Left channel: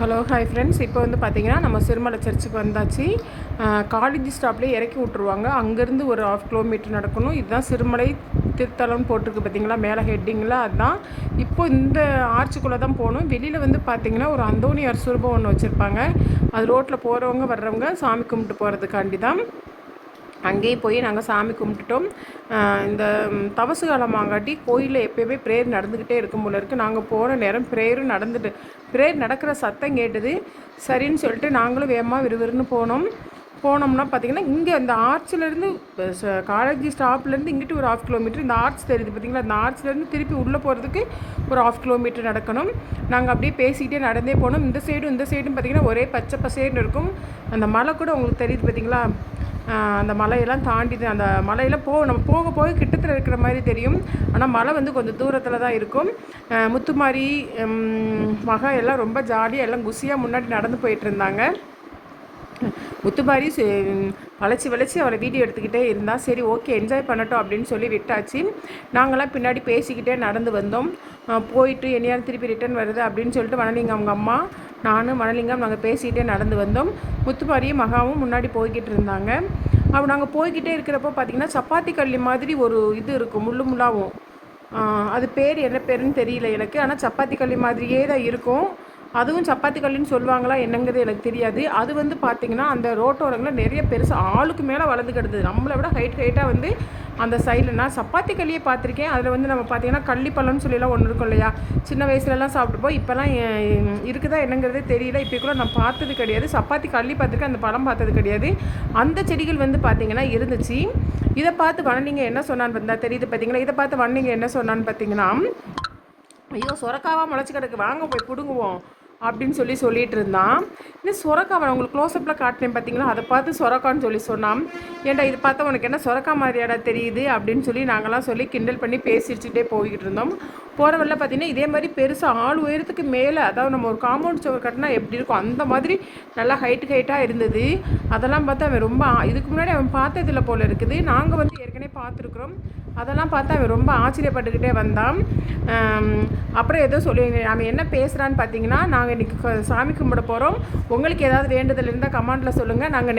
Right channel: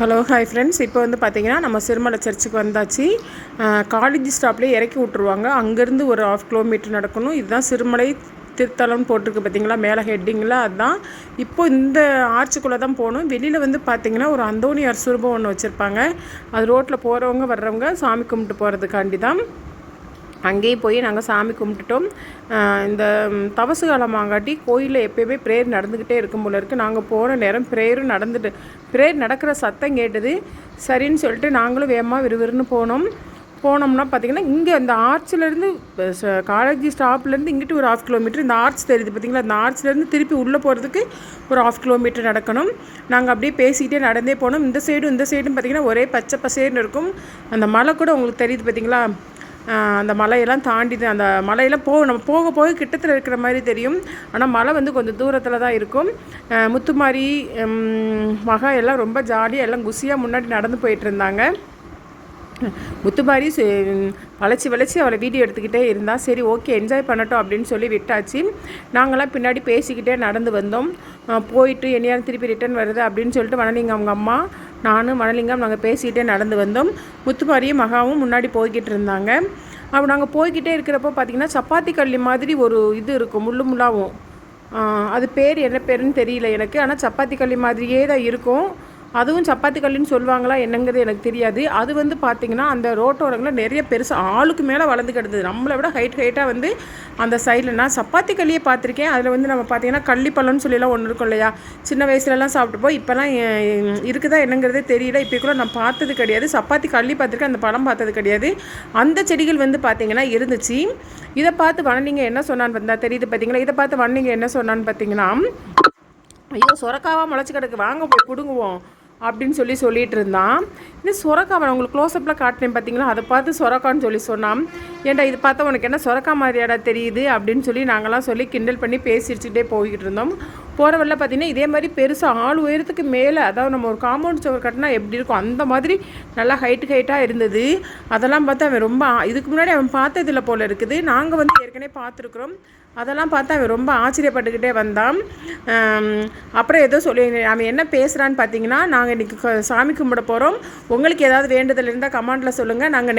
Hello hi friends. இப்போ வந்து பார்த்திங்கன்னா நம்ம சிறுமலை சர்ச்சுக்கு வந்தாச்சு. காலேஜ் ஸ்டாப்லேயே இறக்கி விட்ருவாங்க. அங்கேருந்து ஒரு 1/2 கிலோமீட்டர் நடக்கணும். இதுதான் சிறுமலை திருத்தலம்னு போட்டிருக்கு பார்த்திங்களா, மேலே ஹெட்டிங்கில். அதுதான் இப்போது இந்த ஆர்ச்சுக்குள்ளே தான் போகணும். வெளியில் வந்து பார்த்திங்கன்னா ஒரு அந்தோணியார் சுரூபம் ஒன்று வச்சுருப்பாங்க. அது ரோட்டில் போகிறவங்க வர்றவங்க சாமி கும்பிட்டு போகிறதுக்காண்டி தான். அங்கேயும் போய் நாங்கள் சாமி கும்பிட்டுட்டோம். இந்த தவசு காலமாங்காட்டி கோயிலில் எப்போயுமே ப்ரேயர் நடந்துக்கிட்டே இருக்கும் போல இருக்குது. நாங்கள் போகிற நேரம் ப்ரேயரும் ப்ரேயர் நடக்கிற சத்தம் கேட்டது. சரின்னு சொல்லிட்டு நாங்களும் வேகமாக விறுவிறுன்னு போனோம்னா பார்த்திங்கன்னா இங்கே அந்த ஆர்ச்சிலேருந்து காலேஜ் ஸ்டாப்லேருந்து இங்கிட்டு ஒரு 1/2 கிலோமீட்டர். இந்த ஆர்ச் தெரியுது பார்த்திங்களா, அந்த ஆர்ச்சிலேருந்து திருப்பி உள்ளே போகிறதுக்கு ஒரு 1/2 கிலோமீட்டர் நடக்கணும். நாங்கள் அப்படியே பேசிக்கிட்டே நடந்தே போனோம். இந்த சைடும் பார்த்திங்கன்னா ஒரே பச்சை பசேர்னு இருக்கும். அந்த மலை கூட உங்களுக்கு தெரியுது பார்த்திங்களா. அந்த மலையெல்லாம் தாண்டி அந்த மலையெல்லாம் நம்ம போக போக கிட்டத்தில் இருக்கிற மாதிரி தெரியும். ஆனால் மலை வந்து கொஞ்சம் தூரத்தில் தான் இருக்கும். முத்துமாரி மகா எல்லாம் ரொம்ப ஜாலியாக எல்லாம் குசியாக முன்னாடி நடந்து போயிட்டு இருந்தாங்க. முத்துமாரி வளைச்சி அவளை வீடியோ எடுத்துக்கிட்டே இருந்தால் சரி ஓகே என்ஜாய் பண்ணட்டும் அப்படின்னு சொல்லி விட்டாச்சு. நாங்களாம் பின்னாடி பேசிக்கிட்டே நடந்து வந்தோம். போயிட்டு என்னையாரும் திருப்பி ரிட்டர்ன் வருது அப்படின்னு சொல்லிட்டு வனலிங்கம் அவங்க அம்மா நானும் மணலிங்கம் நாங்கள் பேசிக்கிட்டே நடந்து வந்தோம். முத்துமாரியும் மகாவும் முன்னாடி போய்கிட்டு இருந்தாங்க. அப்போ நாங்கள் போய்கிட்டே இருக்கிறப்போ பார்த்திங்கன்னா சப்பாத்தி கல்லி மாதிரி ஒரு இது இருக்கும், முள்ளாகவும். அது பேர் என்ன பேருன்னு தெரியல எனக்கு. ஆனால் சப்பாத்தி கல்லி மாதிரியே தான் இருக்கும். அதுவும் சப்பாத்தி கல்லுன்னு சொல்லுவாங்களா என்னங்கிறது எனக்கு தெரியாது. அது வந்து பார்த்திங்கன்னா அந்த ரோட்டோரங்களில் நிறைய பெருசாக ஆளுக்கு மேலே வளர்ந்து கிடந்தது. நம்மளை விட ஹைட்டாக வந்து அந்த சைடில் நான் சப்பாத்தி கல்லியே பார்த்துருக்கேன். அதில் வந்து நம்ம பார்த்திங்கன்னா கள்ளிப்பழம்னு சொல்லிலாம் ஒன்று இருக்கும் இல்லையா, சின்ன வயசுலலாம் சாப்பிட்டுப்போம். இப்போலாம் இருக்குதா என்னங்கிறதே தெரியல. இப்போ கூட நான் பார்த்தது கிடையாது. சப்பாத்தி கல்லி பார்த்துருக்கேன், அந்த பழம் பார்த்தது கிடையாது. அந்த செடிகள் வந்து பார்த்திங்கன்னா இருந்துச்சு. இதை பார்த்து வனலிங்க என்ன சொன்னான்னு வந்தால் தெரியுது பார்த்திங்களா. இதை பார்த்து வனலிங்க என்ன சொன்னான்னு பார்த்திங்கன்னா, ஐயோ சொரக்காவாக முளைச்சி கிடக்கு, வாங்க போய் பிடுங்குவோம் அப்படின்னு சொல்லிட்டு இருந்தான். இன்னும் சொரக்காவை உங்களுக்கு க்ளோஸ்அப்பில் காட்டினேன் பார்த்தீங்களா, அதை பார்த்து சொரக்கான்னு சொன்னான். ஏன்டா இது பார்த்தா உனக்கு என்ன சொரக்கா மாதிரியாடா தெரியுது அப்படின்னு சொல்லி நாங்களாம் சொல்லி கிண்டல் பண்ணி பேசிச்சுட்டே போய்கிட்டு இருந்தோம். போகிற வரல பார்த்திங்கன்னா இதே மாதிரி பெருசாக 4 உயரத்துக்கு மேலே, அதாவது நம்ம ஒரு காம்பவுண்ட் சுவர் கட்டினா எப்படி இருக்கும் அந்த மாதிரி நல்லா ஹைட்டாக இருந்தது. அதெல்லாம் பார்த்து அவன் ரொம்ப இதுக்கு முன்னாடி அவன் பார்த்ததில்ல போல் இருக்குது. நாங்கள் வந்து ஏற்கனவே பார்த்துருக்குறோம். அதெல்லாம் பார்த்து அவன் ரொம்ப ஆச்சரியப்பட்டுக்கிட்டே வந்தான். அப்புறம் ஏதோ சொல்லி அவன் என்ன பேசுகிறான்னு பார்த்தீங்கன்னா, நாங்கள் இன்றைக்கி சாமி கும்பிட போகிறோம், உங்களுக்கு ஏதாவது வேண்டுதல் இருந்தால் கமெண்டில் சொல்லுங்கள், நாங்கள்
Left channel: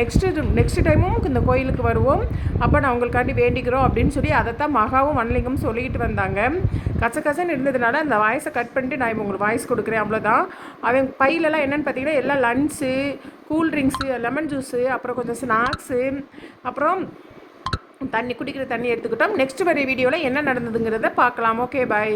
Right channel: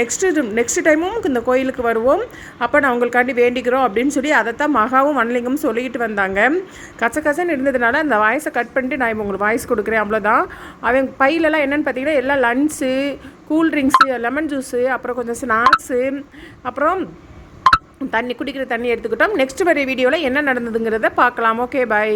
நெக்ஸ்ட் டைமும் இந்த கோயிலுக்கு வருவோம், அப்போ நான் உங்களுக்காண்டி வேண்டிக்கிறோம் அப்படின்னு சொல்லி அதைத்தான் மகாவும் வனலிங்கமும் சொல்லிக்கிட்டு வந்தாங்க. கசகசன்னு இருந்ததுனால அந்த வாய்ஸை கட் பண்ணிட்டு நான் இப்போ உங்களுக்கு வாய்ஸ் கொடுக்குறேன், அவ்வளோதான். அவன் பையிலலாம் என்னென்னு பார்த்தீங்கன்னா எல்லாம் லன்ச்சு, கூல்ட்ரிங்க்ஸு, லெமன் ஜூஸு, அப்புறம் கொஞ்சம் ஸ்நாக்ஸு, அப்புறம் குடிக்கிற தண்ணி எடுத்துக்கிட்டோம். நெக்ஸ்ட் வர வீடியோவில் என்ன நடந்ததுங்கிறத பார்க்கலாம். ஓகே, பாய்.